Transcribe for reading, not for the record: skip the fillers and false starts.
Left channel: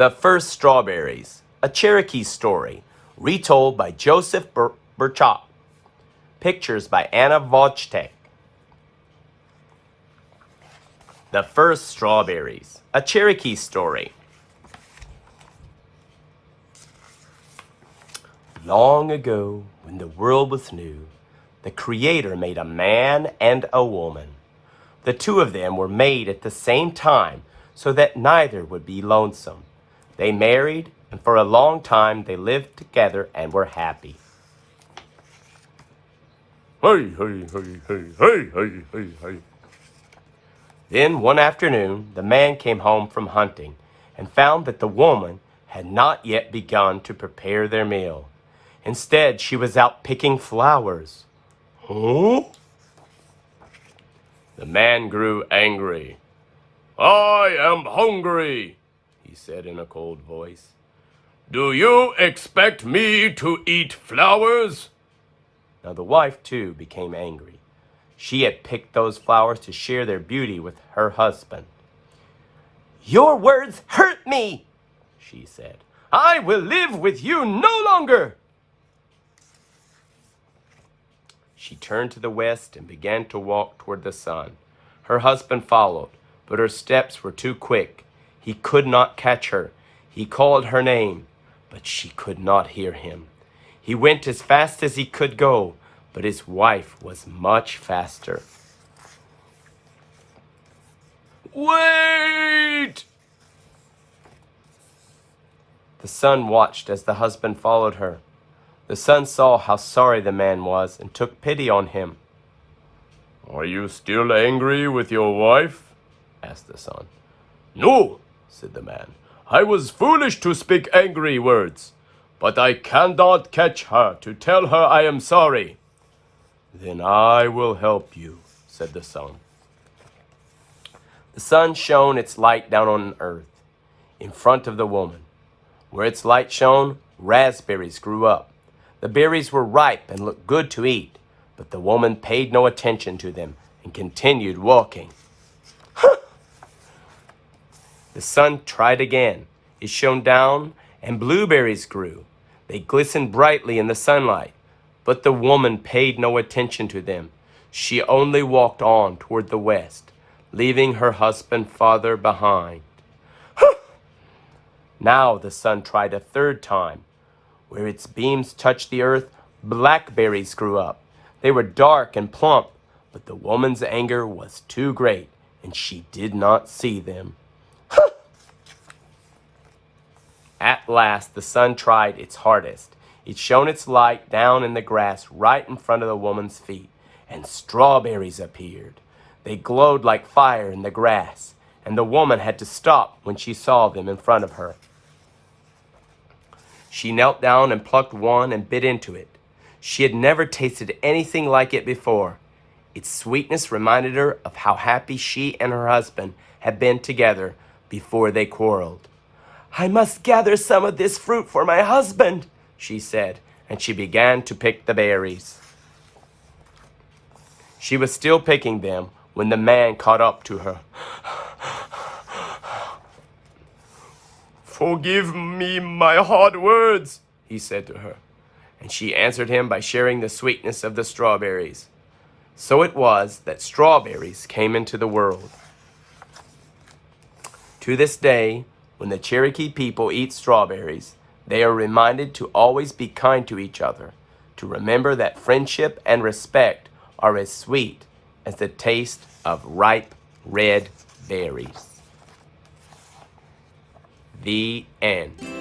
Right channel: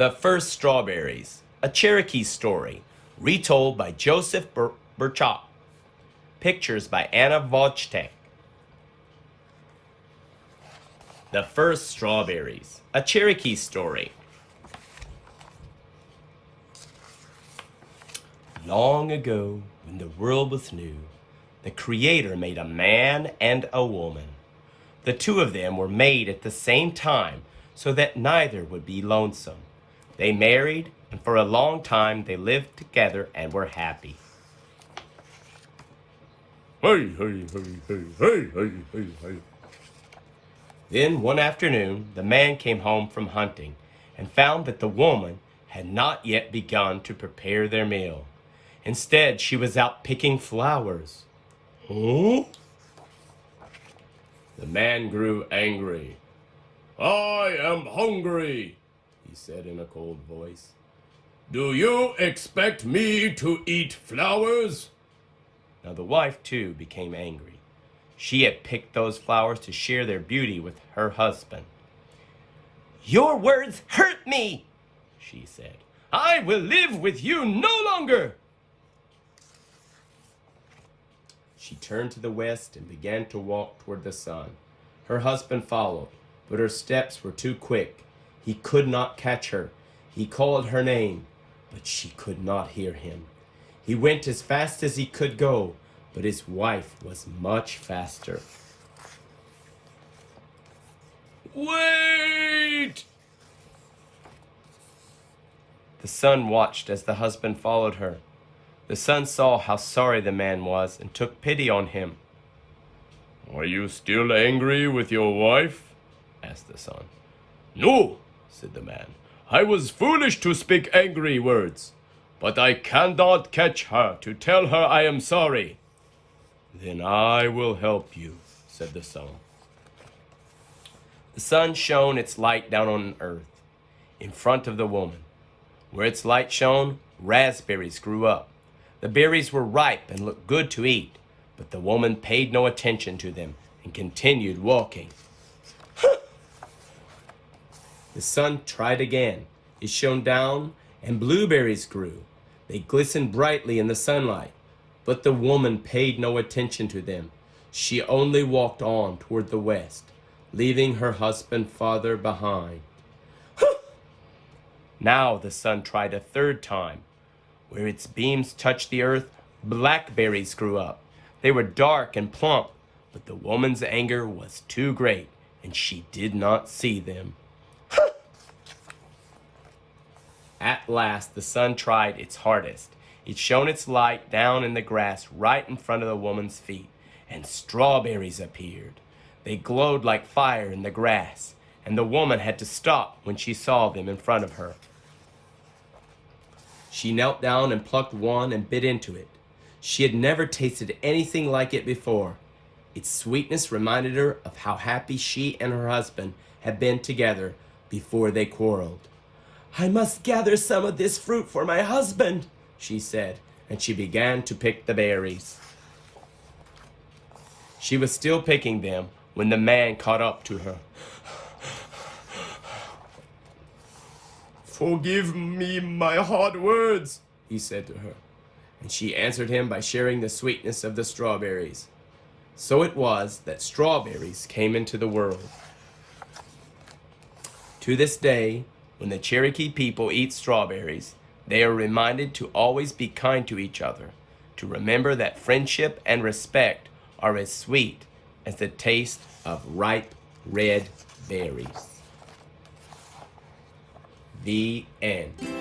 The First Strawberries, a Cherokee story, retold by Joseph Burchak. Pictures by Anna Vojtek. The First Strawberries, a Cherokee story. Long ago, when the world was new, the Creator made a man and a woman. The two of them were made at the same time so that neither would be lonesome. They married, and for a long time they lived together and were happy. Hey, hey, hey, hey, hey, hey, hey, hey. Then one afternoon, the man came home from hunting and found that the woman had not yet begun to prepare their meal. Instead, she was out picking flowers. Huh? The man grew angry. I am hungry, he said in a cold voice. Do you expect me to eat flowers? Now the wife, too, became angry. She had picked those flowers to share their beauty with her husband. "Your words hurt me," she said. "I will live with you no longer." She turned to the west and began to walk toward the sun. Her husband followed, but her steps were too quick. He could not catch her. He called her name, but she could not hear him. He went as fast as he could go, but his wife was much faster. Wait! The sun watched as the husband followed her. The sun saw how sorry the man was and took pity on him. Are you still angry with your wife? Asked the sun. "No," said the man. I was foolish to speak angry words, but I cannot catch her to tell her I am sorry. "Then I will help you," said the sun. The sun shone its light down on earth, in front of the woman. Where its light shone, raspberries grew up. The berries were ripe and looked good to eat, but the woman paid no attention to them and continued walking. The sun tried again. It shone down, and blueberries grew. They glistened brightly in the sunlight, but the woman paid no attention to them. She only walked on toward the west, leaving her husband farther behind. Now the sun tried a third time. Where its beams touched the earth, blackberries grew up. They were dark and plump, but the woman's anger was too great, and she did not see them. At last, the sun tried its hardest. It shone its light down in the grass right in front of the woman's feet, and strawberries appeared. They glowed like fire in the grass, and the woman had to stop when she saw them in front of her. She knelt down and plucked one and bit into it. She had never tasted anything like it before. Its sweetness reminded her of how happy she and her husband had been together before they quarreled. "I must gather some of this fruit for my husband," she said, and she began to pick the berries. She was still picking them when the man caught up to her. Forgive me my hard words, he said to her, and she answered him by sharing the sweetness of the strawberries. So it was that strawberries came into the world. To this day, when the Cherokee people eat strawberries, they are reminded to always be kind to each other, to remember that friendship and respect are as sweet as the taste of ripe red berries. The end.